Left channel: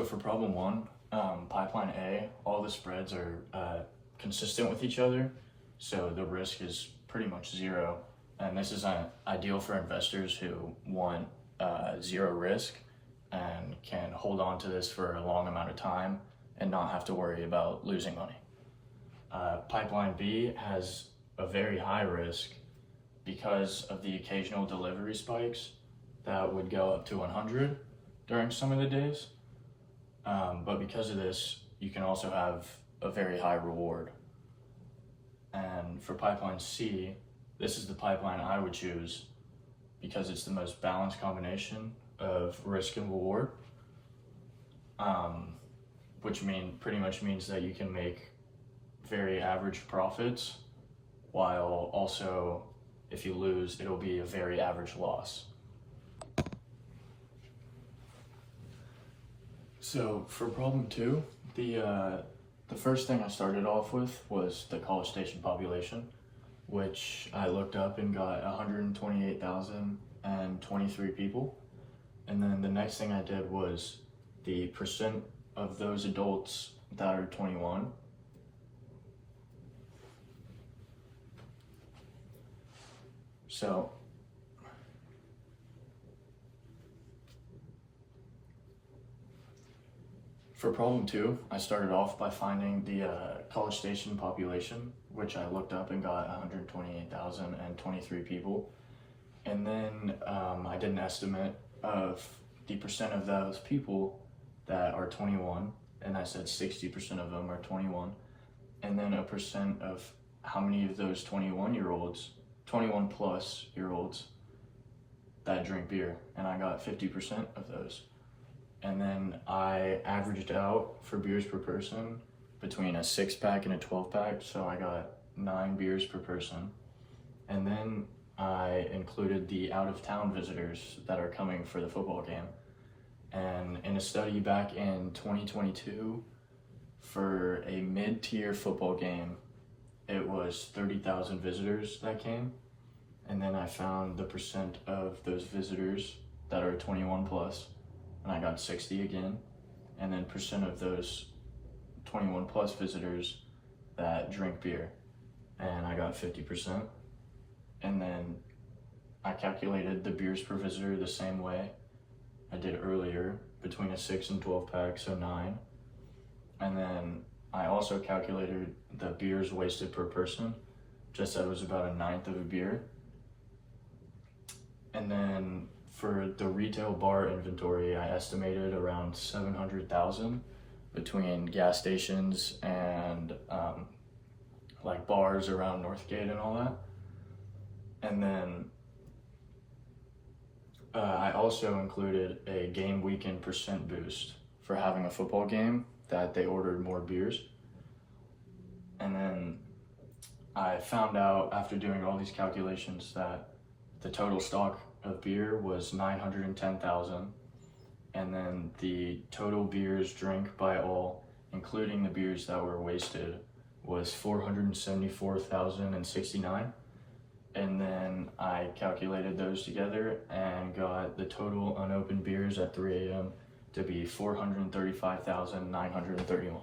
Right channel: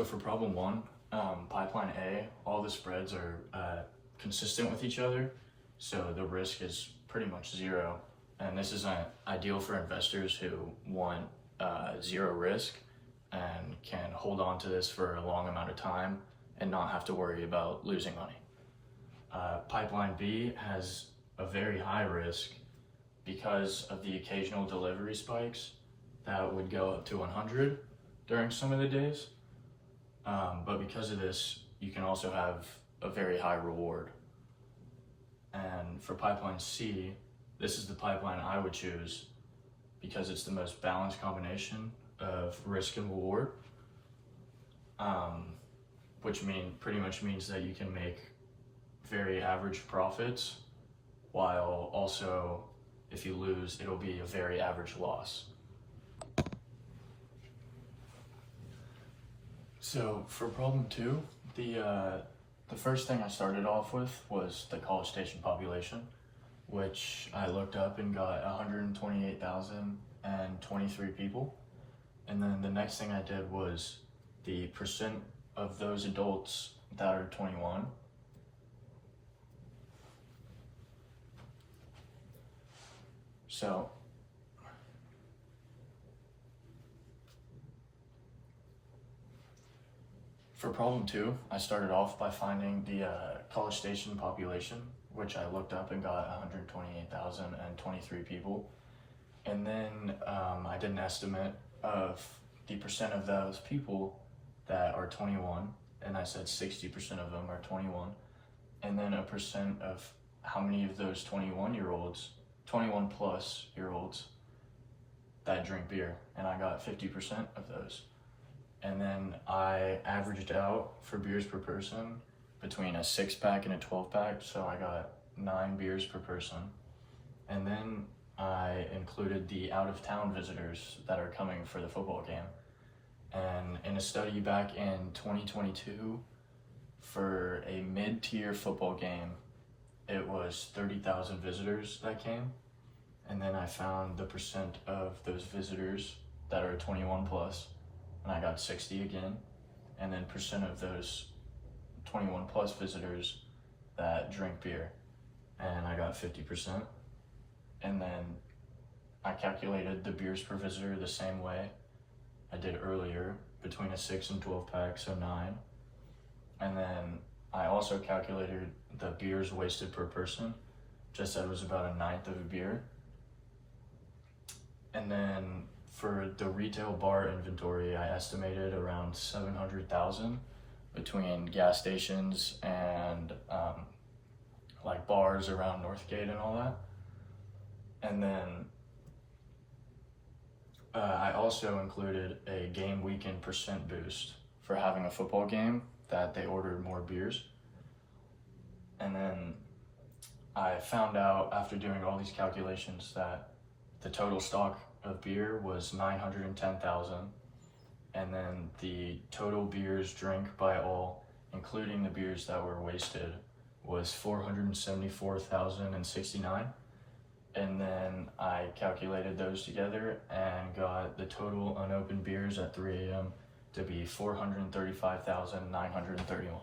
So for problem one, pipeline A, all the spreads are consistent with each other, so the risk is pretty much zero. And this is ideal for investors who want zero risk and can hold on to this for a long amount of time and not have to worry about losing money. Pipeline B has a very high risk because of the occasional delivery spikes that would go up to 100 during some of the days. But because of this, you can also have a very high reward. And for pipeline C, this is the pipeline I would choose because it's the most balanced combination of risk and reward, which pretty much means that you can make very average profits, while also, if you lose, it'll be a very average loss. So for problem two, the first thing I started off with was the College Station population, which I looked up and got 128,023 people. And then the next thing I did was the percent of those adults that are 21. So for problem two, I started off by finding the College Station population, which I looked up and got 128,023 people. And then I did an estimate of the percent of those people that are 21, and I said 60% of them are 21. And then a percent of how many of those 21 plus year olds that drink beer, and I got 50% of those. And then I averaged out for beers per person between a 6-pack and a 12-pack, so I got 9 beers per person. And then I included the out-of-town visitors that are coming for the football game. And in a study back in 2022, for a mid-tier football game, it was 30,000 visitors that came. And then I found the percent of those visitors that are 21 plus, and I got 60 again. And then percent of those 21 plus visitors that drink beer, and I got 50%. And then I calculated the beers per visitor the same way I did earlier, between a 6 and 12 pack, so 9. And then I also calculated the beers wasted per person, just that it was about 1/9 of a beer. And then for the retail bar inventory, I estimated around 700,000 between gas stations and like bars around Northgate and all that. And then I also included a game weekend percent boost for having a football game that they ordered more beers. And then I found out after doing all these calculations that the total stock of beer was 910,000, and then the total beers drank by all, including the beers that were wasted, was 474,069. And then I calculated those together and got the total unopened beers at 3 a.m. to be 435,931.